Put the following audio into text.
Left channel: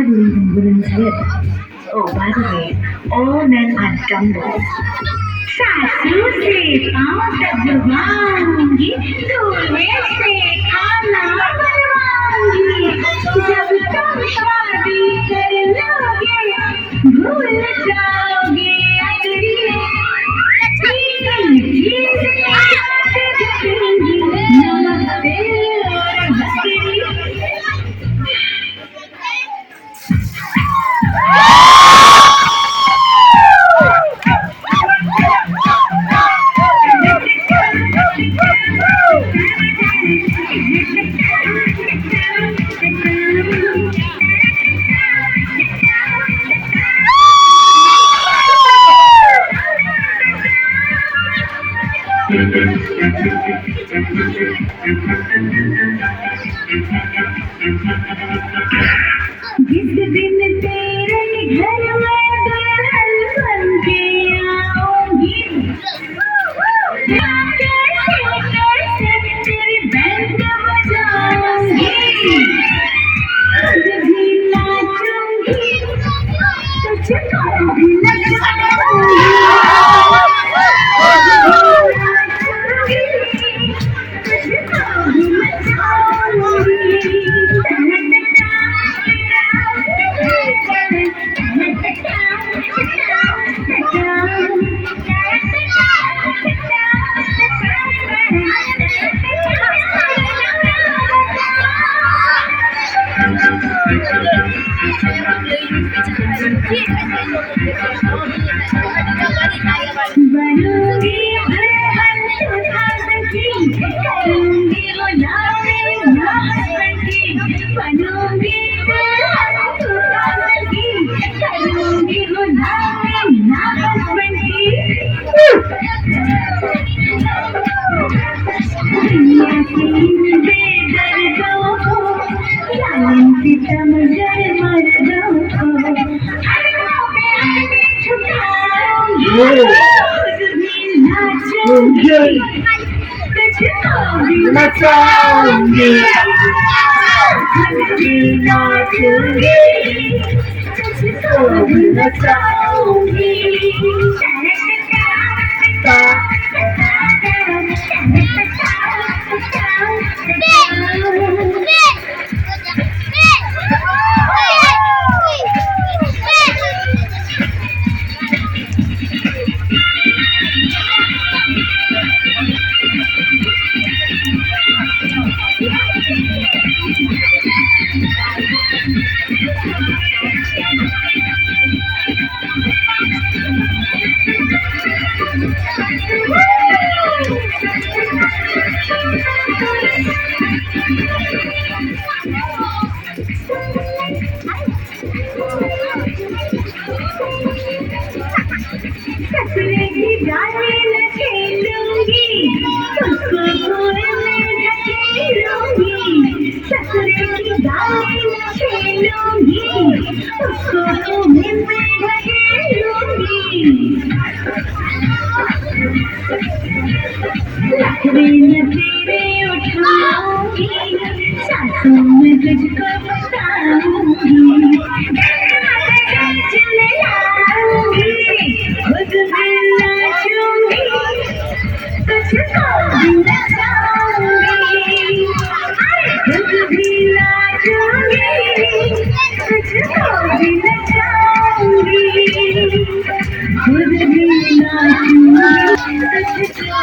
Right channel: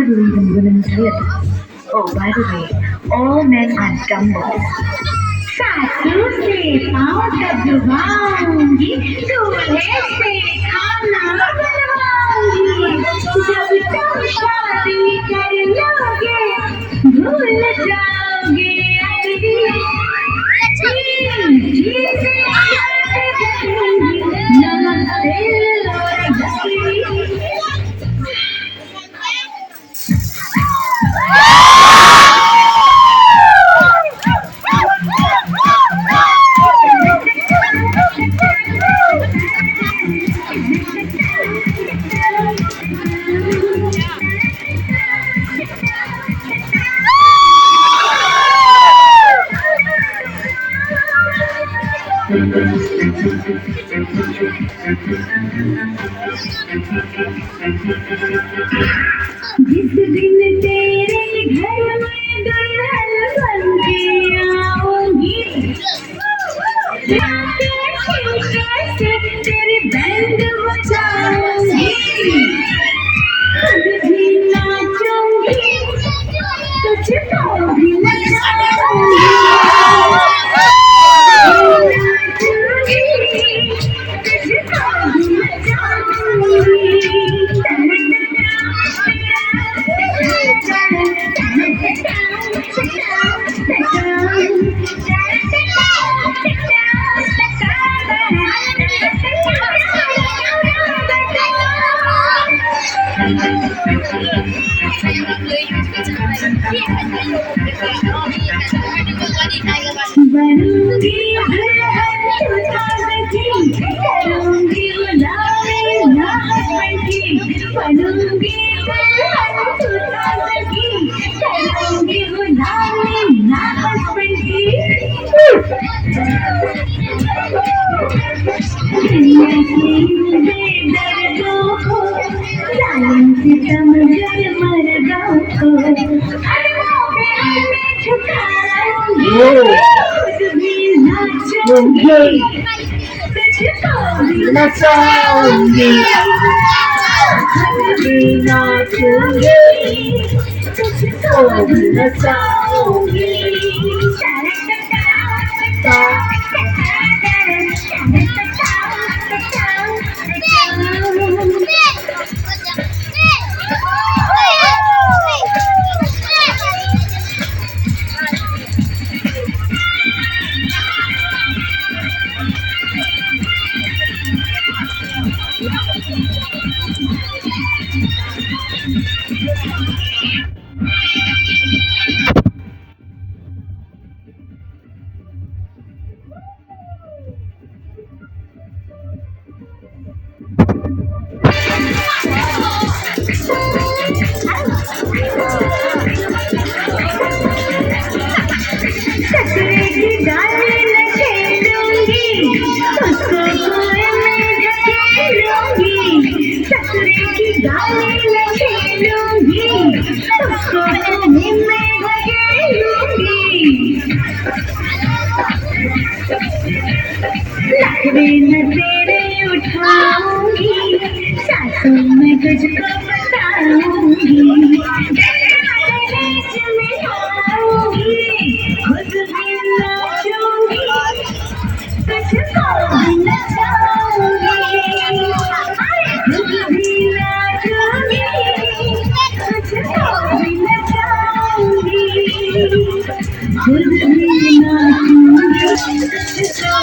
hardly even women's lips. Oh, by the way, all men are dumbbells. सासू से पाँव तक दबाऊंगी, दूल्हे से खाना बनवाऊंगी। जब तुम शादी कर लोगे, भूल जाओगे अगली मीठी से बात करेंगी, नमस्ते और बकरी। जिस दिन तेरे घर में दुल्हन बन के आऊंगी, कैसे तेरे बैंड बजाऊंगी, खुद भी नाचूंगी, तुझको भी नचाऊंगी, बनूंगी दुल्हन सुहागन की, करूंगी गुलामी ना हस्बैंड की, बनूंगी दुल्हन सुहागन की, करूंगी गुलामी ना हस्बैंड की। दुनिया के इन बेदर्दों को, जालिम सितम जल मर्दों को, अरबों पे आने झुकाऊंगी, खुद भी नाचूंगी, तुझको भी नचाऊंगी, खुद भी नाचूंगी, तुझको भी नचाऊंगी। ससुर की डाली न खेलूंगी, उसको कुएं में ढकेलूंगी, ससुर की डाली न खेलूंगी, उसको कुएं में ढकेलूंगी, नखरे न तेरे उठाऊंगी, सासू में तुझको बताऊंगी, खुद भी नाचूंगी, तुझको भी नचाऊंगी, खुद भी नाचूंगी, तुझको भी नचाऊंगी, खुद भी नाचूंगी, तुझको